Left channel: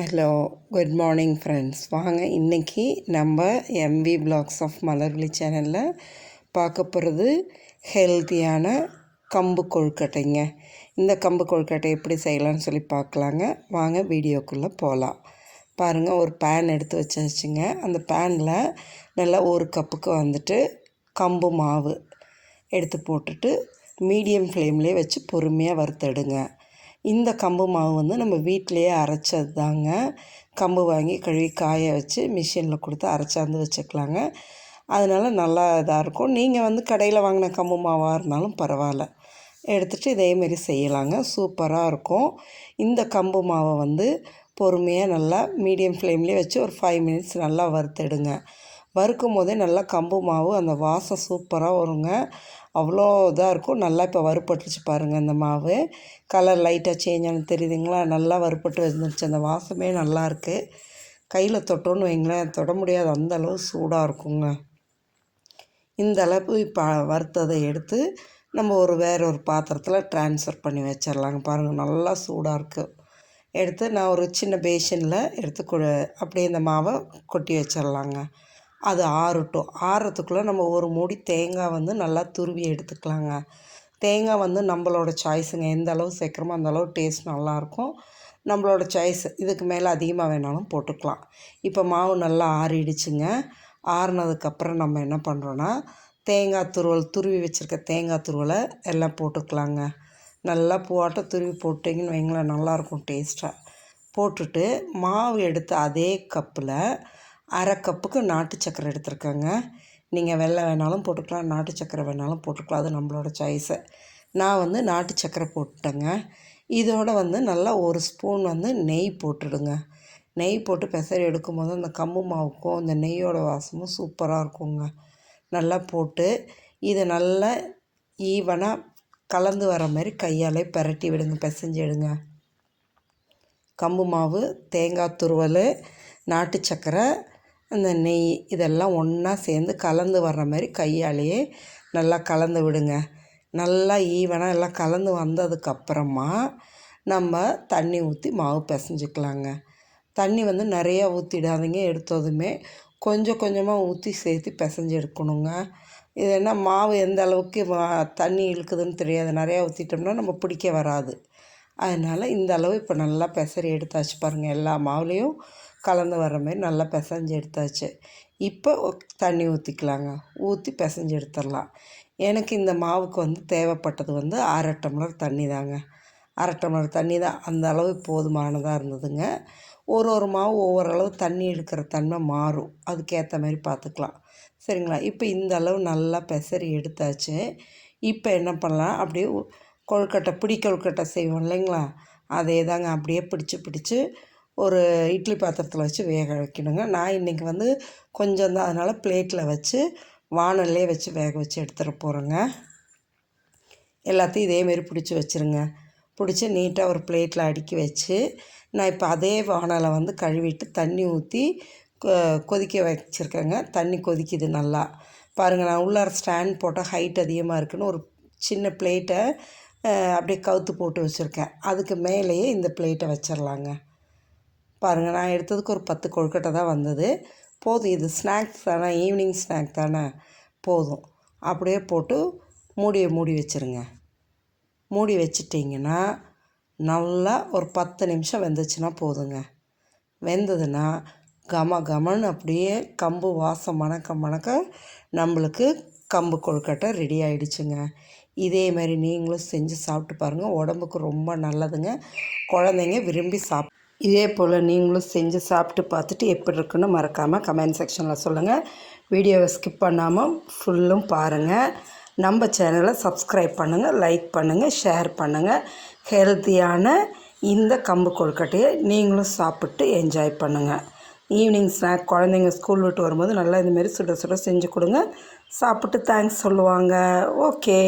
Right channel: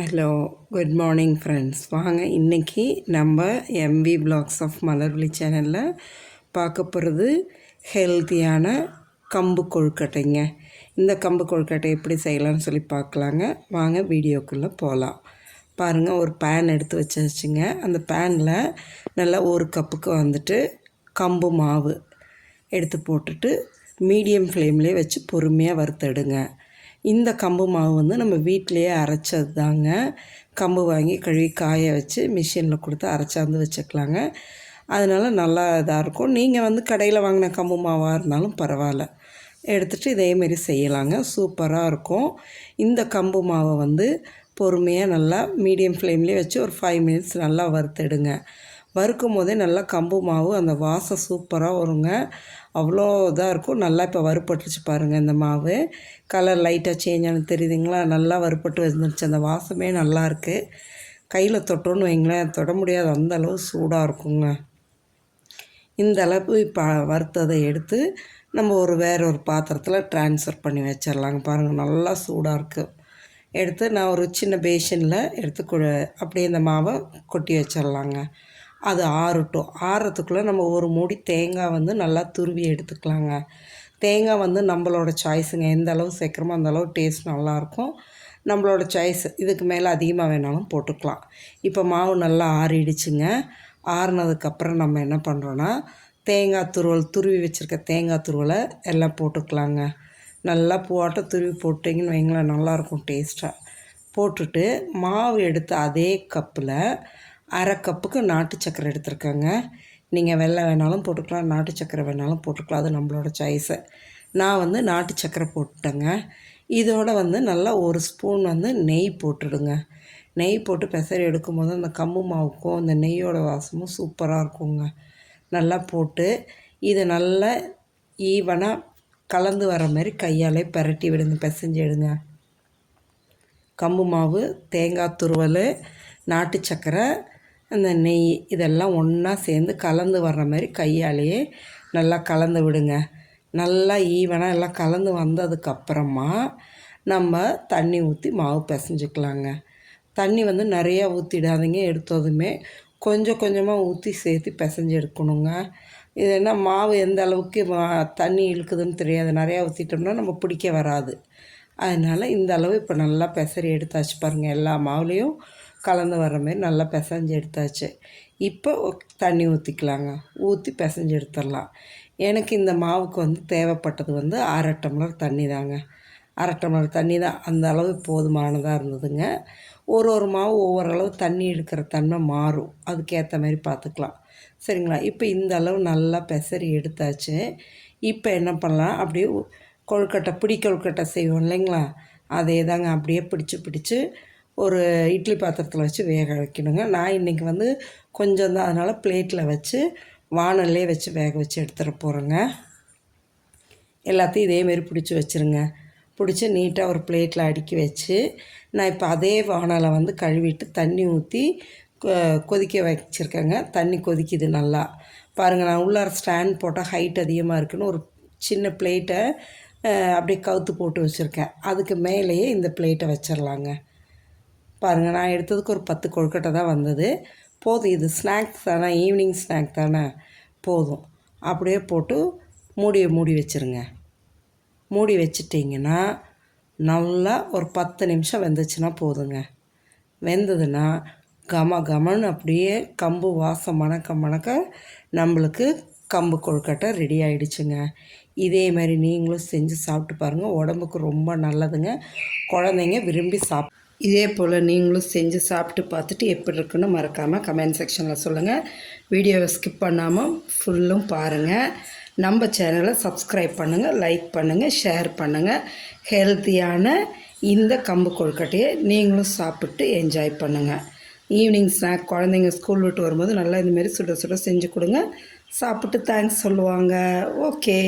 Hello good morning friends. வாங்க இன்றைக்கி நம்ம எம்வி பிளாக்ஸ் ஆஃப் மலர்விழி சேனலில் பார்க்க போகிறது ஹெல்த்தியான கம்பு கொழுக்கட்டைங்க. இந்த கம்பு கொழுக்கட்டை எப்படி செய்யலாம்னு சொல்லி பார்க்கலாங்க. வாங்க வீடியோக்குள்ளே போகலாம். பாருங்கள், ஒரு பேன் எடுத்து வச்சுங்க. அந்த பேனில் நல்லா ஒரு கப்புக்கு வந்துட்டு கம்பு மாவு எடுத்து போட்டுட்டு மீடியம் ஃப்ளேம்லேயே வச்சு பொறுமையாக வறுத்தெடுங்க. இந்த கம்பு மாவு வந்து நம்ம வீட்டிலையே அரைச்சது தாங்க. கம்பு வாங்கி கழுவி காய வச்சு மிஷினில் கொடுத்து அரைச்சாந்து வச்சுக்கலாங்க. அதனால் நல்லா இதாக இருக்கும். நீங்கள் வந்து கடையில் வாங்கின கம்பு மாவாக இருந்தாலும் பரவாயில்ல, எடுத்துகிட்டு இதேமாரி செய்யலாங்க. சூப்பராக இருக்கும். இந்த கம்பு மாவை வந்து பொறுமையாக நல்லா மீடியம் ஃப்ளேம்லேயே வச்சு ஒரு 5 மினிட்ஸ் நல்லா வறுத்தெடுங்க. வறுக்கும் போதே நல்லா கம்பு மாவு அந்த வாசம் சூப்பராக வருங்க. அவ்வளோ இதாக இருக்கும். நல்லா இப்போ வறுப்பட்டுருச்சு பாருங்கள். இந்த மாவு கலர் லைட்டாக சேஞ்ச் ஆனது தெரியுதுங்களா? நல்லா வறுப்பட்டு வந்துருச்சு. அந்த வாசமே நல்லாயிருக்கு. கையில் தொட்டோன்னு வைங்களேன், தொட முடியாத அந்த அளவு சூடாக இருக்குங்க. இந்த அளவு இப்போ வறுத்ததை எடுத்து நம்ம வேறு ஒரு பாத்திரத்தில் ட்ரான்ஸ்ஃபர் பண்ணி வச்சிடலாங்க. பாருங்கள், நல்லா சூடாக இருக்குது. எடுத்து நான் ஒரு சின்ன பேஷனில் எடுத்து அப்படியே இந்த மாவை கொட்டி வச்சிடலாங்க. அது ஆறட்டும். ஆறுறதுக்குள்ளே நம்ம ஒரு மூடி தேங்காய் வந்து நல்லா துருவி எடுத்துக்கலாங்க. தேங்காய் வந்து நம்மளோட சாய்ஸுங்க. எந்த அளவு சேர்க்குறோமோ அந்தளவு டேஸ்ட் நல்லாயிருக்கும். நம்மளோட சாய்ஸ். இதுக்கு மேலே அதிகமாக வேணாலும் போட்டுக்கலாம். இப்போ மாவு நல்லா ஆறிடுச்சுங்க. ஆறுனதுக்கப்புறம் நம்ம என்ன பண்ணுறோன்னா, தேங்காய் துருவி வச்சுருக்க தேங்காய் துருவலை எல்லாம் போட்டுக்கலாங்க. நல்லா பூவாட்டம் துருவி போட்டிங்கன்னு வைங்களேன், நல்லாயிருக்கும் டேஸ்ட்டாக. போட்டுட்டு மாவு எடுத்து அதே கப்பில் அரை கப்புக்கு நாட்டு சக்கரை எடுத்துருக்கேங்க. நீங்கள் வெள்ளை வேணாலும் போட்டுக்கலாம், நாட்டு சக்கரை வேணாலும் போட்டுக்கலாம். அது நம்மளோட சாய்ஸு. நான் வந்து நாட்டு சக்கரை போட்டுட்டேங்க. இதோடு வந்து நல்லா ஒரு ஸ்பூன் வந்து நெய் போட்டுடுங்க. நெய் போட்டு பெசரி எடுக்கும்போது அந்த கம்பு மாவுக்கும் அந்த நெய்யோட வாசமும் சூப்பராக இருக்குங்க. நல்லா போட்டு இதை நல்லா ஈவனாக கலந்து வர மாதிரி கையாலே பரட்டி விடுங்க, பிசைஞ்சு எடுங்க. கம்பு மாவு, தேங்காய் துருவல், நாட்டு சக்கரை, அந்த நெய் இதெல்லாம் ஒன்றா சேர்ந்து கலந்து வர்ற மாதிரி கையாலேயே நல்லா கலந்து விடுங்க. நல்லா ஈவனாக எல்லாம் கலந்து வந்ததுக்கப்புறமா நம்ம தண்ணி ஊற்றி மாவு பிசைஞ்சிக்கலாங்க. தண்ணி வந்து நிறையா ஊற்றிடாதீங்க. எடுத்ததுமே கொஞ்சம் கொஞ்சமாக ஊற்றி சேர்த்து பிசைஞ்சு எடுக்கணுங்க. இது என்ன மாவு எந்த அளவுக்கு தண்ணி இழுக்குதுன்னு தெரியாது. நிறையா ஊற்றிட்டோம்னா நம்ம பிடிக்க வராது. அதனால் இந்த அளவு இப்போ நல்லா பெசரி எடுத்தாச்சு பாருங்கள். எல்லா மாவுலேயும் கலந்து வர்ற மாதிரி நல்லா பிசைஞ்சு எடுத்தாச்சு. இப்போ தண்ணி ஊற்றிக்கலாங்க. ஊற்றி பிசைஞ்சு எடுத்துடலாம். எனக்கு இந்த மாவுக்கு வந்து தேவைப்பட்டது வந்து 1/2 டம்ளர் தண்ணி தாங்க. 1/2 டம்ளர் தண்ணி தான். அந்த அளவு போதுமானதாக இருந்ததுங்க. ஒரு மாவு ஒவ்வொரு அளவு தண்ணி எடுக்கிற தன்மை மாறும். அதுக்கேற்ற மாதிரி பார்த்துக்கலாம். சரிங்களா? இப்போ இந்த அளவு நல்லா பெசரி எடுத்தாச்சு. இப்போ என்ன பண்ணலாம், அப்படியே கொழுக்கட்டை செய்வோம் இல்லைங்களா? அதே தாங்க அப்படியே பிடிச்சி ஒரு இட்லி பாத்திரத்தில் வச்சு வேக வைக்கணுங்க. நான் இன்றைக்கி வந்து கொஞ்சம் தான், அதனால் பிளேட்டில் வச்சு வானல்லே வச்சு வேக வச்சு எடுத்துகிட்டு போகிறேங்க. எல்லாத்தையும் இதேமாரி பிடிச்சி வச்சுருங்க. பிடிச்சி நீட்டாக ஒரு பிளேட்டில் அடுக்கி வச்சு நான் இப்போ அதே வானலை வந்து கழுவிட்டு தண்ணி ஊற்றி கொதிக்க வச்சுருக்கேங்க. தண்ணி கொதிக்குது நல்லா. பாருங்கள், நான் உள்ளார ஸ்டாண்ட் போட்டால் ஹைட் அதிகமாக இருக்குதுன்னு ஒரு சின்ன பிளேட்டை அப்படியே கவுத்து போட்டு வச்சுருக்கேன். அதுக்கு மேலேயே இந்த பிளேட்டை வச்சிடலாங்க. பாருங்கள், நான் எடுத்ததுக்கு ஒரு 10 கொழுக்கட்டை தான் வந்தது. போதும், இது ஸ்நாக்ஸ் தானே, ஈவினிங் ஸ்நாக் தானே, போதும். அப்படியே போட்டு மூடி வச்சுருங்க. மூடி வச்சிட்டிங்கன்னா நல்லா ஒரு 10 நிமிஷம் வெந்துச்சுன்னா போதுங்க. வெந்ததுன்னா கமன்னு அப்படியே கம்பு வாசம் மணக்க நம்மளுக்கு கம்பு கொழுக்கட்டை ரெடி ஆகிடுச்சுங்க. இதே மாதிரி நீங்களும் செஞ்சு சாப்பிட்டு பாருங்கள். உடம்புக்கு ரொம்ப நல்லதுங்க. குழந்தைங்க விரும்பி இதே போல் நீங்களும் செஞ்சு சாப்பிட்டு பார்த்துட்டு எப்படி இருக்குன்னு மறக்காமல் கமெண்ட் செக்ஷனில் சொல்லுங்கள். வீடியோவை ஸ்கிப் பண்ணாமல் ஃபுல்லும் பாருங்கள். நம்ம சேனலை சப்ஸ்கிரைப் பண்ணுங்கள், லைக் பண்ணுங்கள், ஷேர் பண்ணுங்கள். ஹெல்த்தியான இந்த கம்பு கொழுக்கட்டையை நீங்களும் சாப்பிட்டு என்ஜாய் பண்ணுங்கள். ஈவினிங் ஸ்நாக் குழந்தைங்க ஸ்கூல் விட்டு வரும்போது நல்லா இந்தமாரி சுட செஞ்சு கொடுங்க. சாப்பிட்டு தேங்க்ஸ் சொல்லுவாங்க. ஓகே.